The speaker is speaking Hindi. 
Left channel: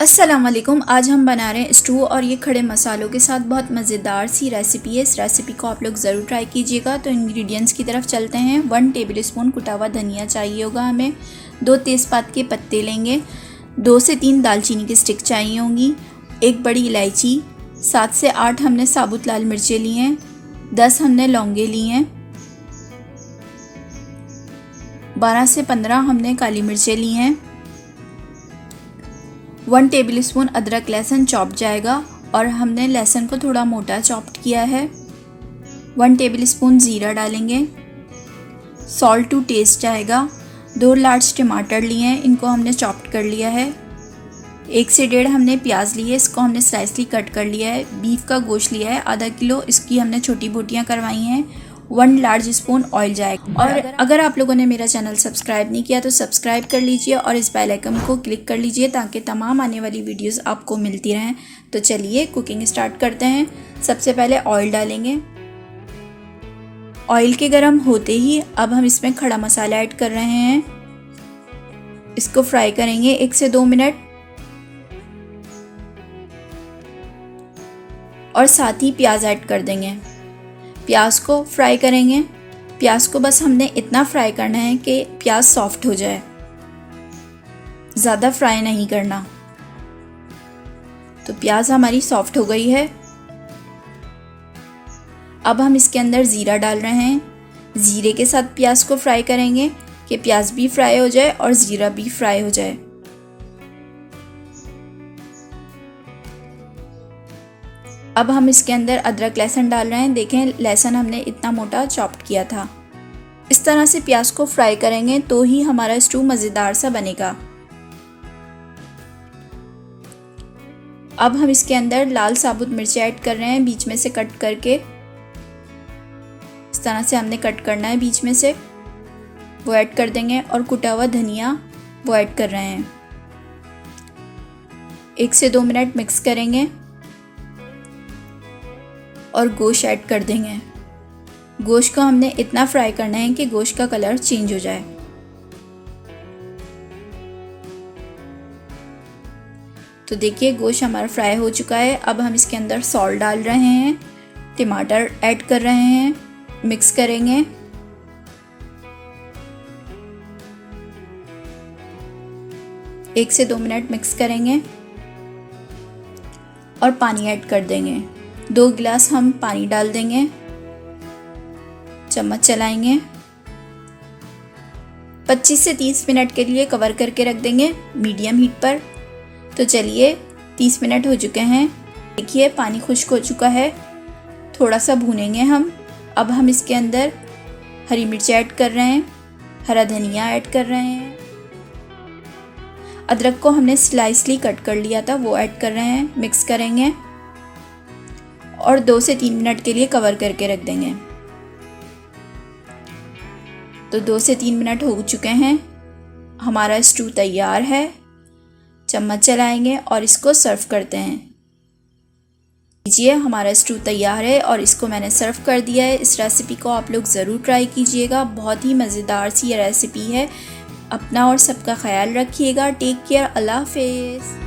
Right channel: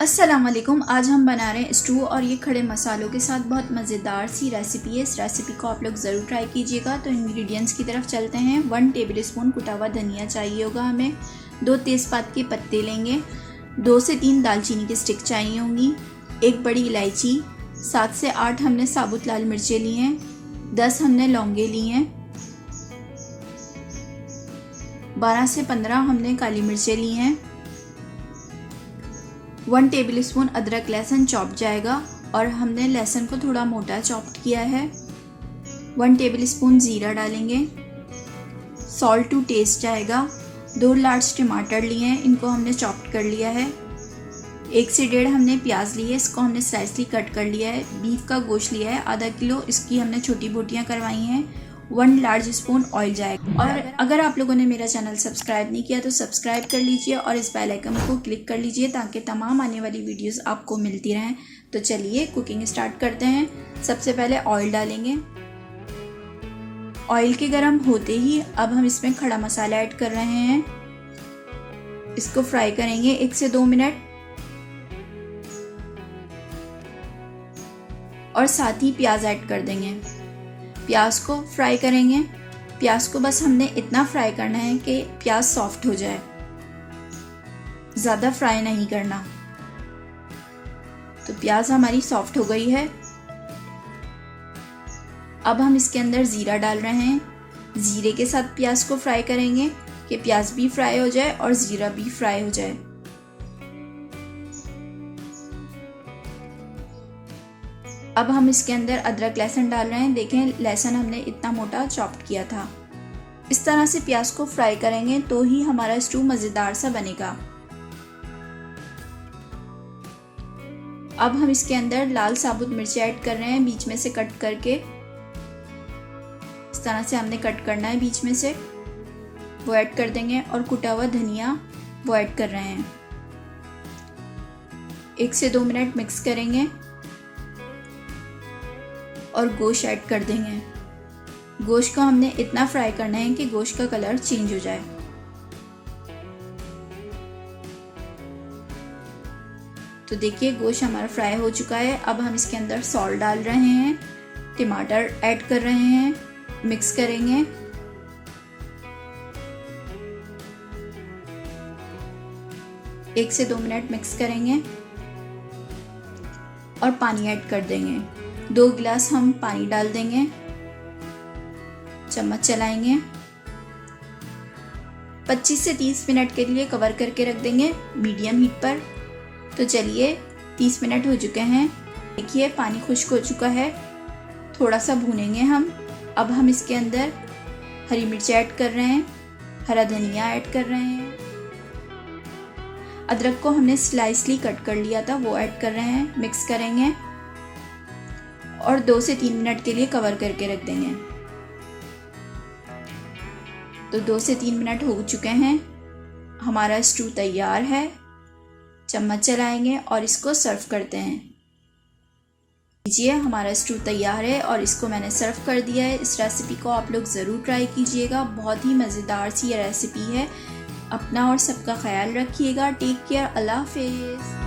अस्सलाम वालेकुम। आज हम बना रहे हैं स्टू और ये खड़े मसालों के साथ बहुत मज़ेदार सी रेसिपी है। इस रेसिपी को आप लोग ज़रूर ट्राई कीजिएगा। तो इंग्रेडिएंट्स की तरफ चलते हैं। 1 टेबल स्पून कुटा हुआ धनिया चाहिए होगा हमें। 2 तेज़पात के पत्ते लेंगे। 2 से 3 दालचीनी की स्टिक चाहिए होंगी। 1 बड़ी इलायची, 7 से 8 हमने साबुत लाल मिर्चें ली हैं। 10 हमने लौंगे ली हैं। 12 से 15 हमने काली मिर्चें ली हैं। 1 टेबल स्पून अदरक लहसुन चॉप जाएगा और हमने लहसुन को थोड़ा मोटा चॉप्ड किया है। 1 टेबल स्पून ज़ीरा डालेंगे। सॉल्ट टू टेस्ट जाएगा। 2 लार्ज टमाटर लिए हैं, इनको हमने चॉप्ड कर लिया है। 1 से 1.5 हमने प्याज ली है, इसको हमने स्लाइसली कट कर लिया है। बीफ का गोश्त लिया है आधा किलो, इसकी हमने छोटी बोटियाँ करवाई हैं। 1 लार्ज स्पून ऑयल जाएगा। और अगर आप लोगों ने मेरा चैनल सब्सक्राइब नहीं किया तो सब्सक्राइब कर लीजिए और इस बेल आइकन को क्लिक कर लीजिए ताकि तमाम आने वाली वीडियोस आपको मिलती रहें। तो चलिए कुकिंग स्टार्ट करते हैं। सबसे पहले ऑयल डालेंगे। ऑयल के गर्म होते ही अब हम इसमें खड़ा मसाला ऐड कर रहे हैं। इसको फ्राई करेंगे 1 से 2 मिनट और साथ ही प्याज ऐड कर देंगे। प्याज को फ्राई करेंगे। प्याज को बस हमने इतना फ्राई करना है कि प्याज सॉफ्ट हो जाए, ज़्यादा फ्राई नहीं करना। तो प्याज हमारी सॉफ्ट हो गई है। अब हम इसके अंदर ज़ीरा डाल रहे हैं। ज़ीरे के साथ प्याज को फ्राई करेंगे कि प्याज भी फ्राई हो जाए और ज़ीरा भी फ्राई हो जाए। अब हम इसके अंदर अदरक लहसुन डाल रहे हैं। देखें लहसुन हमने इतना मोटा चॉप्ड किया था। इस तरह से प्याज को फ्राई करेंगे तो ही हमारा स्टू मज़ेदार सा बनेगा। अब हम इसके अंदर लाल साबुत मिर्ची ऐड कर रहे हैं, बीच में से कट करके। इस तरह से हमने कट करना है बीच में से, वो ऐड कर देंगे। और कुटा हुआ धनिया वो ऐड कर रहे हैं। 1 से 2 मिनट मिक्स करेंगे और गोश्त ऐड कर देंगे। गोश्त को हमने इतना फ्राई करना है कि गोश्त का कलर चेंज हो जाए। तो देखिए गोश्त हमारा फ्राई हो चुका है। अब हम इसके अंदर सॉल्ट डाल रहे हैं, टमाटर ऐड कर रहे हैं, मिक्स करेंगे। एक से 2 मिनट मिक्स करेंगे और पानी ऐड कर देंगे। 2 गिलास हम पानी डाल देंगे। चम्मच चलाएंगे। 25 से 30 मिनट के लिए कवर करके रख देंगे मीडियम हीट पर। तो चलिए 30 मिनट हो चुके हैं। देखिए पानी खुश्क हो चुका है। थोड़ा सा भूनेंगे हम। अब हम इसके अंदर हरी मिर्च ऐड कर रहे हैं, हरा धनिया ऐड कर रहे हैं। अदरक को हमने स्लाइसली कट कर लिया था, वो ऐड कर रहे हैं। मिक्स करेंगे और 2 से 3 मिनट के लिए कवर करके रख देंगे। तो 2 से 3 मिनट हो चुके हैं। हमारा स्टू तैयार है। चम्मच चलाएंगे और इसको सर्व करते हैं। लीजिए हमारा स्टू तैयार है और इसको मैंने सर्व कर दिया है। इस रेसिपी को आप लोग ज़रूर ट्राई कीजिएगा। बहुत ही मज़ेदार सी रेसिपी है। अपना और सबका ख्याल रखिएगा। Take care. अल्लाह हाफिज़।